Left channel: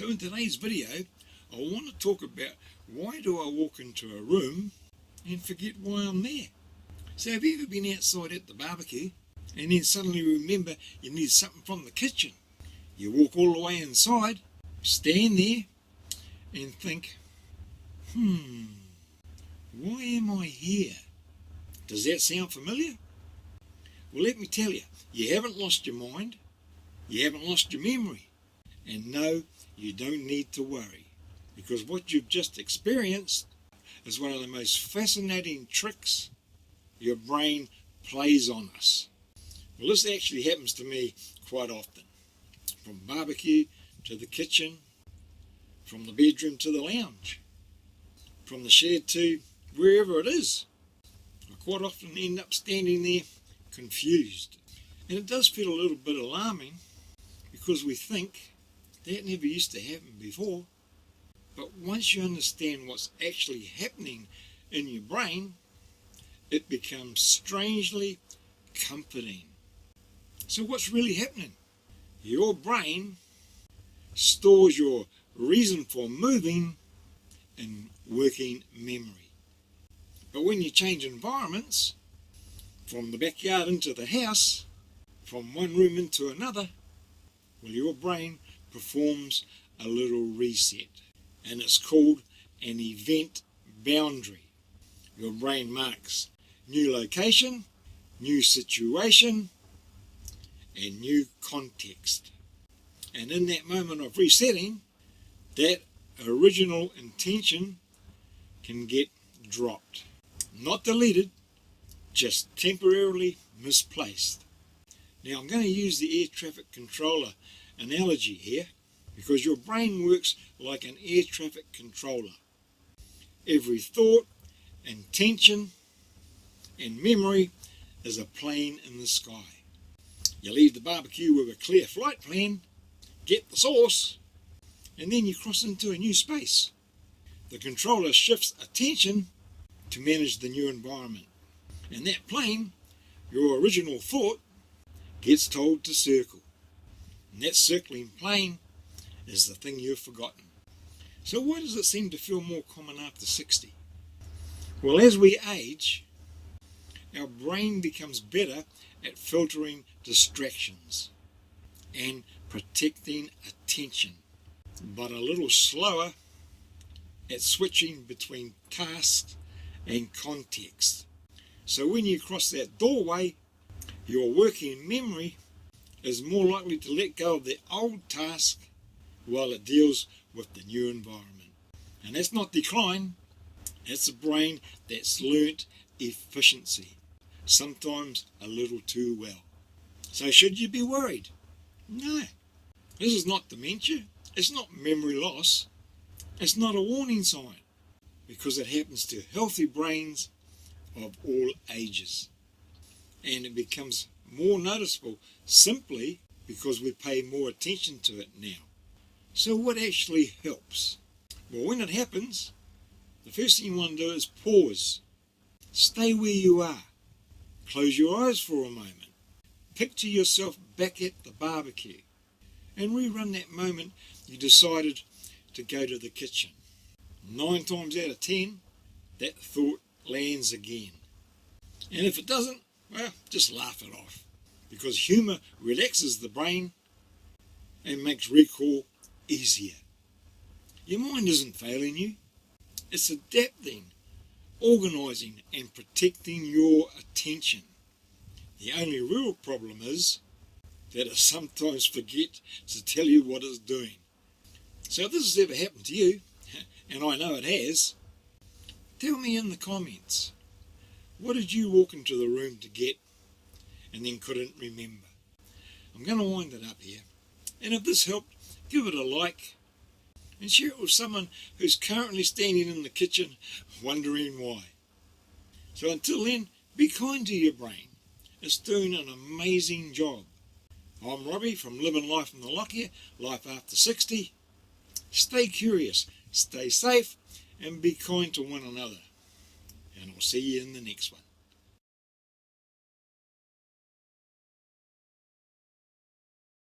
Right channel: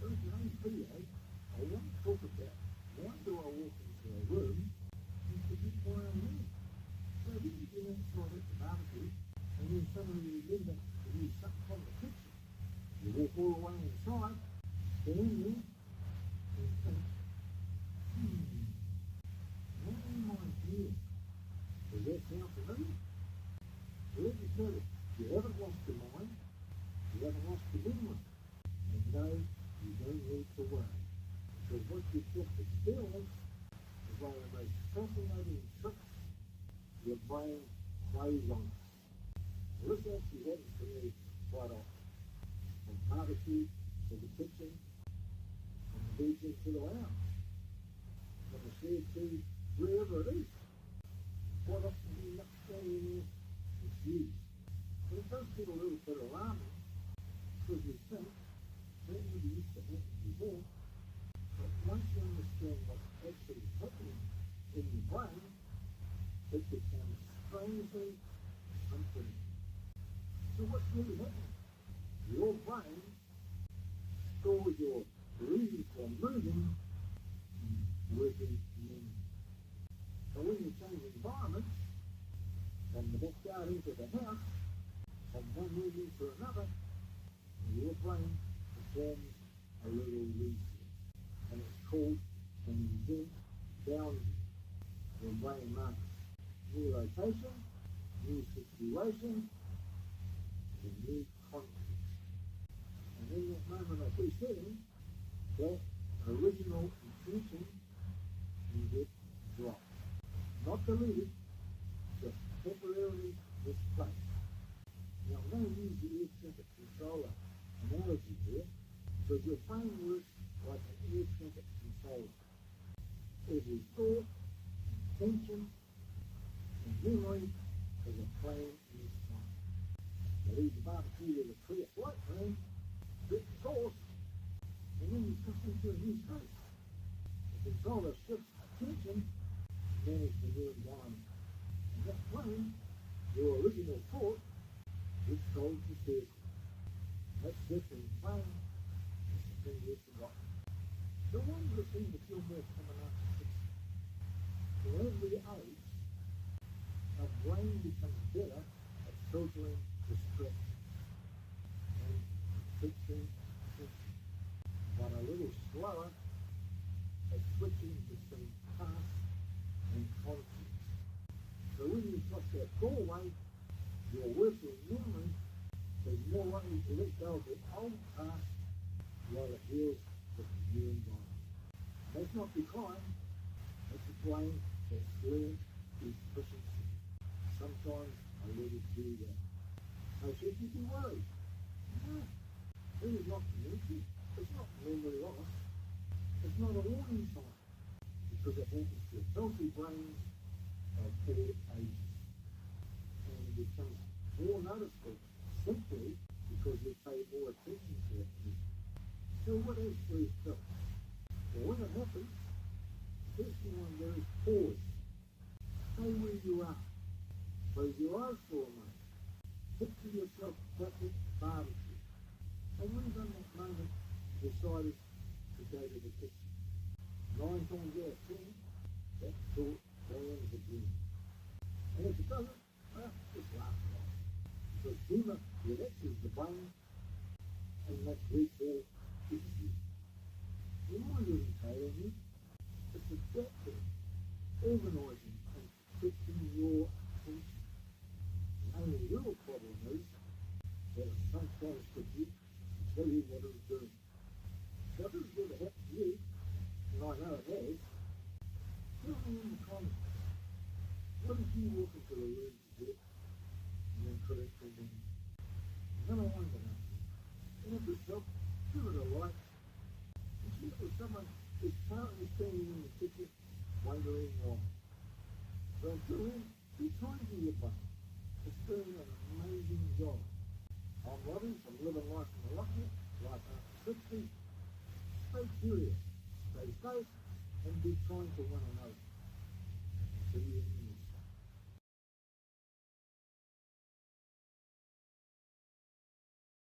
So in today's video, I want to talk about why do I walk into a room and forget why I'm there. So have you ever been outside at the barbecue and then suddenly remember you need something from the kitchen? You walk all the way inside, stand there and think, why am I here? Does that sound familiar? Well, let me tell you, you haven't lost your mind, you haven't lost your memory, and no, you don't need to worry, because what you've just experienced is one of the most fascinating tricks your brain plays on us. Well, this actually happens to me quite often, from barbecue to the kitchen, from the bedroom to the lounge, from the shed to wherever it is. I quite often end up standing there confused. And it does feel a little bit alarming because we think that never used to happen before. But once you understand what's actually happening in your brain, it becomes strangely comforting. So what's really happening? Your brain stores your reason for moving in working memory. But when you change environments, from the backyard into the house, from one room into another, well, your brain performs a little reset, and it's called an event boundary. Your brain marks new location, new situation, and new context. And in that moment of resetting, that original intention can get dropped. Not deleted, just temporarily misplaced. Now I'm going to use the air traffic controller analogy here because your brain works like an air traffic controller. Every thought, intention, and memory is a plane in the sky. You leave the barbecue with a clear flight plan, get the sauce, and then you cross into a new space. The controller shifts attention to manage the new environment. And that plane, your original thought, gets told to circle. And that circling plane is the thing you've forgotten. So why does it seem to feel more common after 60? Well, as we age, our brain becomes better at filtering distractions and protecting attention, but a little slower at switching between tasks and context. So when you cross that doorway, your working memory is more likely to let go of the old task while it deals with the new environment. And that's not decline, that's a brain that's learnt efficiency, sometimes a little too well. So should you be worried? No. This is not dementia, it's not memory loss, it's not a warning sign, because it happens to healthy brains of all ages. And it becomes more noticeable simply because we pay more attention to it now. So what actually helps? Well, when it happens, the first thing you want to do is pause. Stay where you are. Close your eyes for a moment. Picture yourself back at the barbecue and rerun that moment you decided to go to the kitchen. 9 times out of 10, that thought lands again. And if it doesn't, well, just laugh it off, because humour relaxes the brain and makes recall easier. Your mind isn't failing you, it's adapting, organising and protecting your attention. The only real problem is that it sometimes forgets to tell you what it's doing. So if this has ever happened to you, and I know it has, tell me in the comments, what did you walk into the room to get and then couldn't remember? I'm going to wind it up here. And if this helped, give it a like and share it with someone who's currently standing in the kitchen wondering why. So until then, be kind to your brain. It's doing an amazing job. I'm Robbie from Living Life in the Lockyer, Life After 60. Stay curious, stay safe, and be kind to one another. And I'll see you in the next one.